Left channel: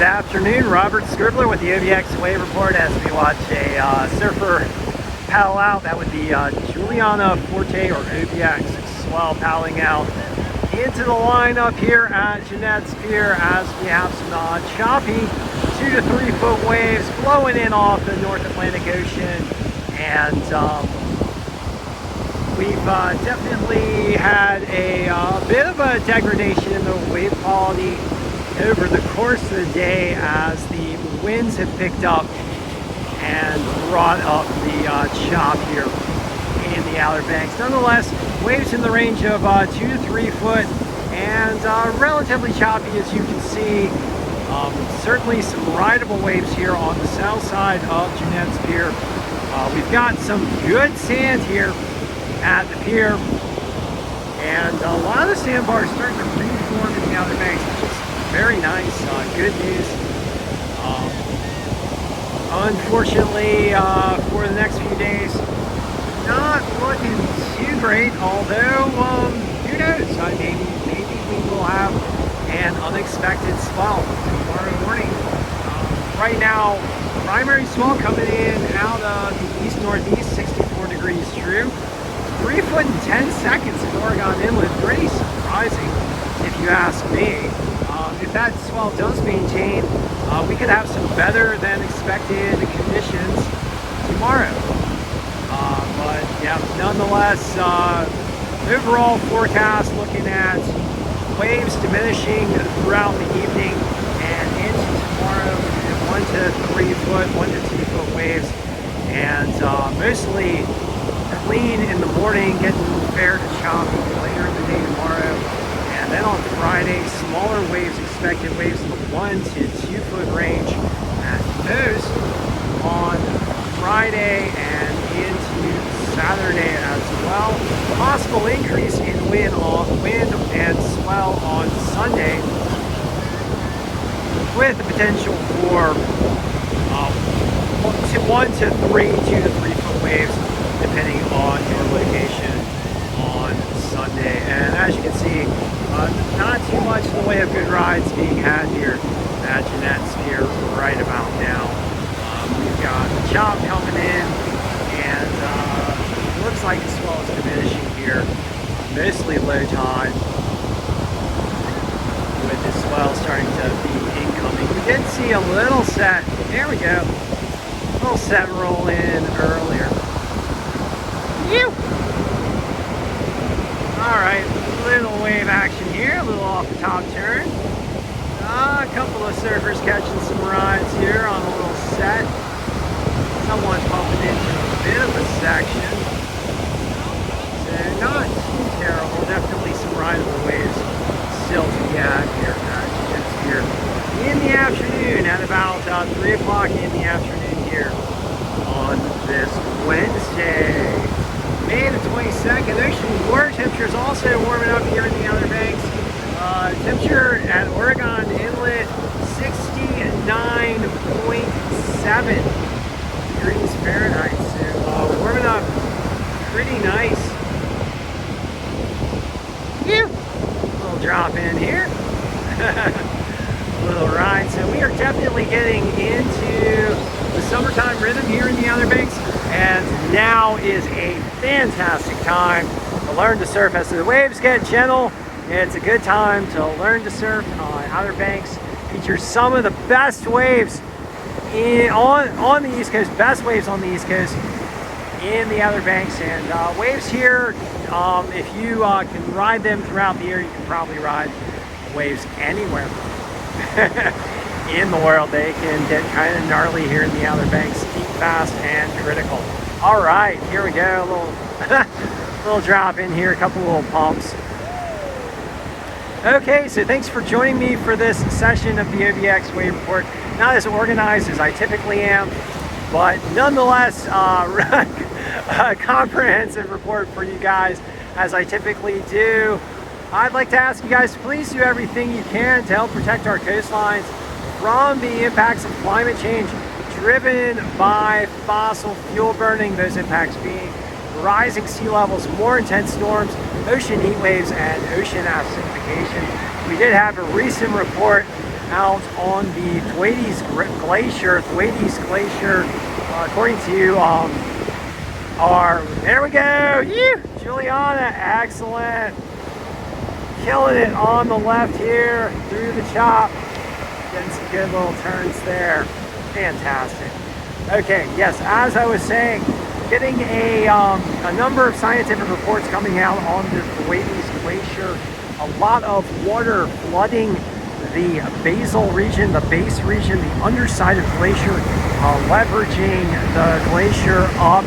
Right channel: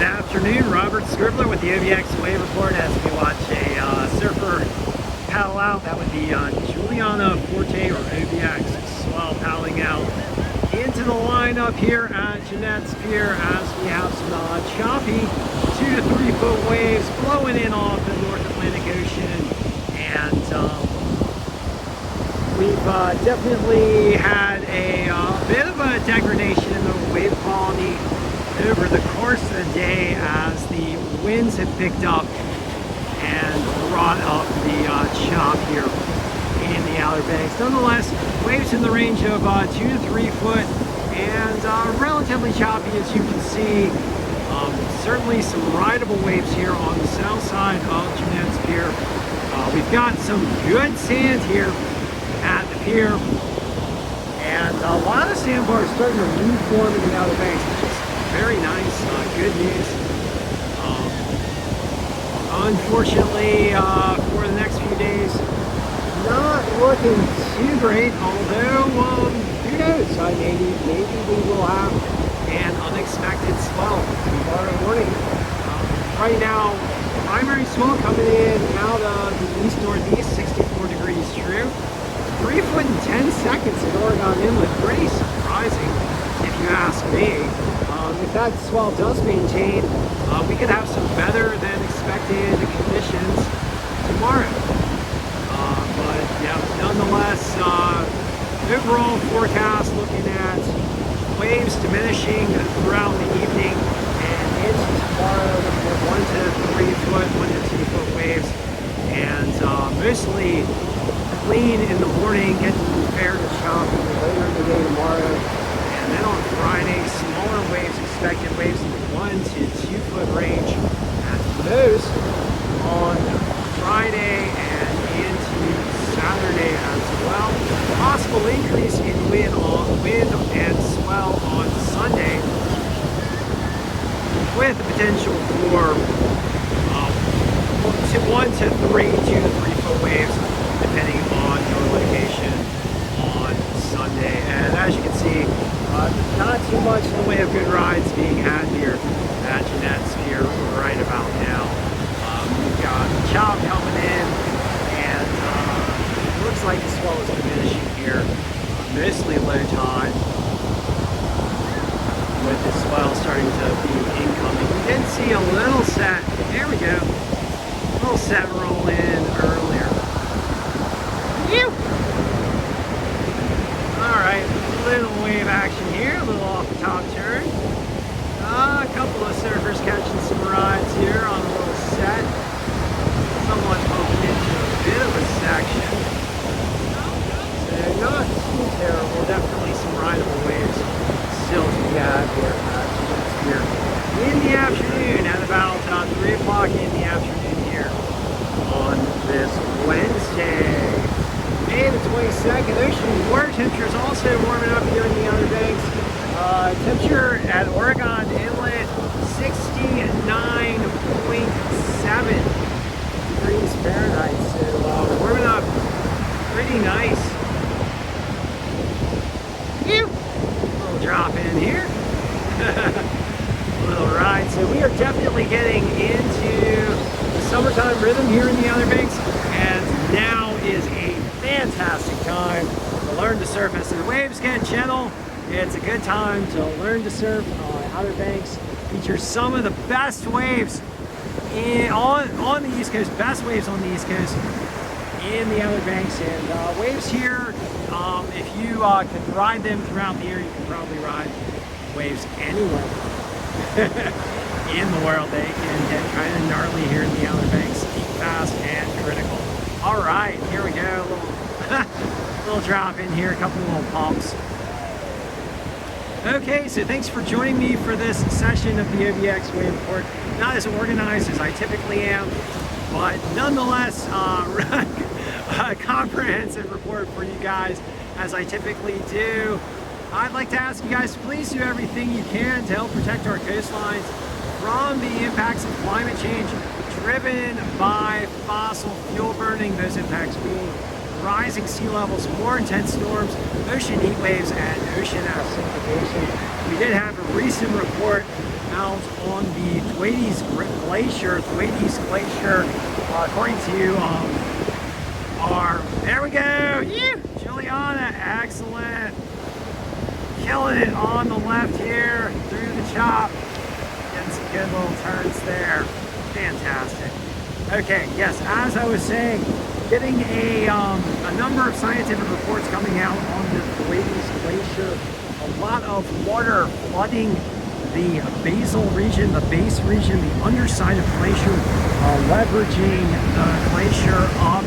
Good afternoon, Robert Scribbler with the OBX Wave Report as we watch a surfer paddle out. That would be Juliana Forte or OBX swell paddling out into the line up here at Jeanette's Pier as we have some choppy 2 to 3 foot waves blowing in off the North Atlantic Ocean, and we've definitely had a bit of a degradation in the wave quality over the course of the day as the winds have picked up and brought up the chop here in the Outer Banks. Nonetheless, waves in the range of 2 to 3 foot and relatively choppy, as you can see. Certainly some rideable waves here on the south side of Jeanette's Pier. We've got some good sand here at the pier, and a lot of the sandbars starting to reform in the Outer Banks, which is very nice, good news. Unfortunately, for the next few days, not looking too great, although who knows, maybe we will have an unexpected swell tomorrow morning. Right now, primary swell coming in out of the east-northeast, 64 degrees true. 3 foot and 10 seconds of Oregon Inlet, pretty surprising if you ask me. If that swell does maintain, we could have some better than expected conditions tomorrow. But yeah, nonetheless, overall forecast looking at waves diminishing throughout the evening and into tomorrow, 1 to 3 foot, 1 to 2 foot waves, and mostly clean in the morning, getting prepared to chop later in the day tomorrow. And then on Friday, smaller waves expected, waves in the 1 to 2 foot range at most on Friday and into Saturday as well. Possible increase in wind and swell on Sunday, with the potential for 1 to 3, 2 to 3 foot waves, depending on your location on Sunday. And as you can see, not too much in the way of good rides being had here at Jeanette's Pier right about now. We've got chop coming in, and it looks like the swell is diminishing here, mostly low tide, with the swell starting to be incoming. We did see a little set, there we go, a little set roll in earlier. Alright, a little wave action here, a little off the top turn. A couple of surfers catching some rides here on a little set. Someone popping into a bit of a section. So not too terrible, definitely some rideable waves still to be had here in the afternoon at about 3 o'clock in the afternoon here on this Wednesday. May the 22nd, ocean water temperature is also warming up here in the Outer Banks. Temperature at Oregon Inlet, 69.7 degrees Fahrenheit. So warming up pretty nice. We'll drop in here. A little ride. So we are definitely getting into the summertime rhythm here in the Outer Banks, and now is a fantastic time to learn to surf. As the waves get gentle, it's a good time to learn to surf. Outer Banks features some of the best waves on the East Coast, best waves on the East Coast in the Outer Banks, and waves here, if you can ride them throughout the year, you can probably ride waves anywhere in the world. They can get kind of gnarly here in the Outer Banks, peak fast and critical. All right, here we go, a little drop in here, a couple little pumps. Okay, so thanks for joining me for this session of the OBX Wave Report. Not as organized as I typically am, but nonetheless, a comprehensive report for you guys, as I typically do. I'd like to ask you guys to please do everything you can to help protect our coastlines from the impacts of climate change driven by fossil fuel burning, those impacts being rising sea levels, more intense storms, ocean heat waves, and ocean acidification. We did have a recent report out on the Thwaites Glacier. Thwaites Glacier, according to there we go, Juliana, excellent. Killing it on the left here through the chop. Getting some good little turns there. Fantastic. Okay, yes, as I was saying, getting a number of scientific reports coming out on the Thwaites Glacier. A lot of water flooding the basal region, the base region, the underside of the glacier, leveraging the glacier up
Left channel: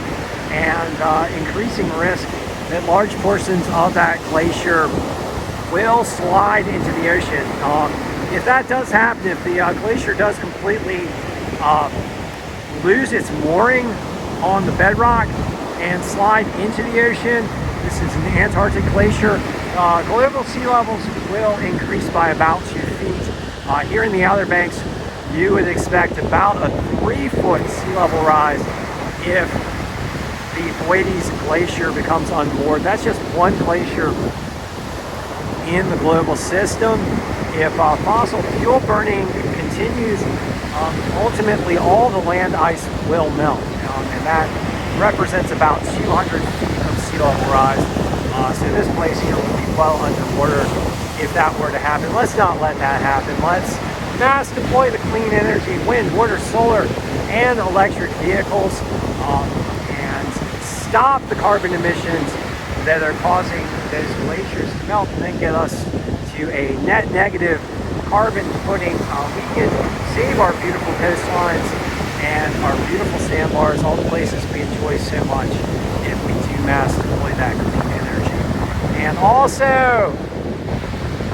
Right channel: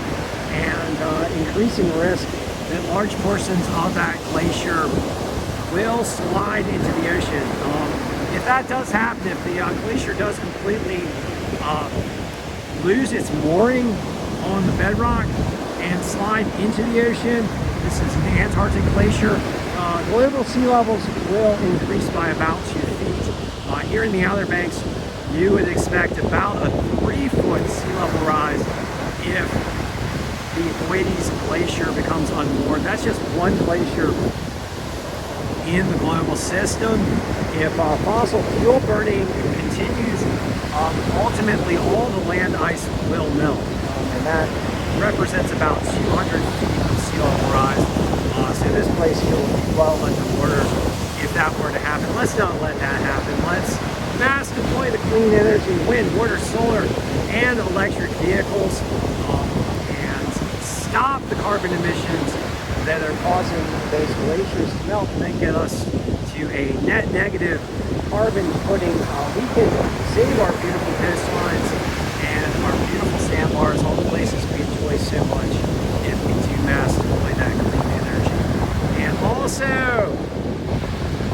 and increasing risk that large portions of that glacier will slide into the ocean. If that does happen, if the glacier does completely lose its mooring on the bedrock and slide into the ocean, this is an Antarctic glacier, global sea levels will increase by about 2 feet. Here in the Outer Banks, you would expect about a 3-foot sea level rise if the Thwaites Glacier becomes unmoored. That's just one glacier in the global system. If fossil fuel burning continues, ultimately all the land ice will melt, and that represents about 200 feet of sea level rise. So this glacier will be well underwater if that were to happen. Let's not let that happen. Let's mass deploy the clean energy, wind, water, solar, and electric vehicles, and stop the carbon emissions that are causing those glaciers to melt, and then get us to a net negative carbon footing. We can save our beautiful coastlines and our beautiful sandbars, all the places we enjoy so much, if we do mass deploy that clean energy. And also,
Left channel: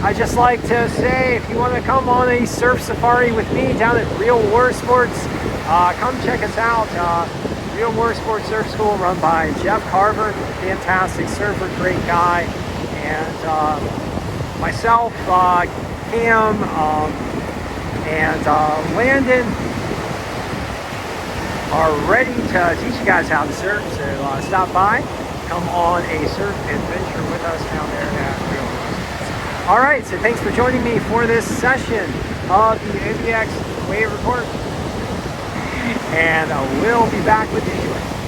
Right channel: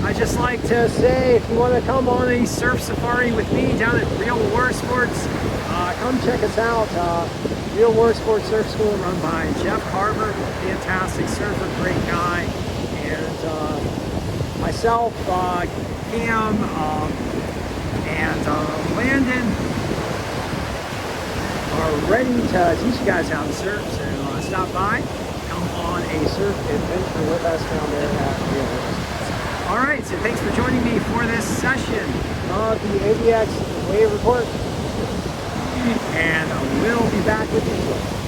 I just like to say, if you want to come on a surf safari with me down at Real War Sports, come check us out. Real War Sports Surf School, run by Jeff Carver, fantastic surfer, great guy, and myself, Cam, and Landon are ready to teach you guys how to surf. So stop by, come on a surf adventure with us down there at Real War. All right, so thanks for joining me for this session of the OBX Wave Report, and we'll be back with you.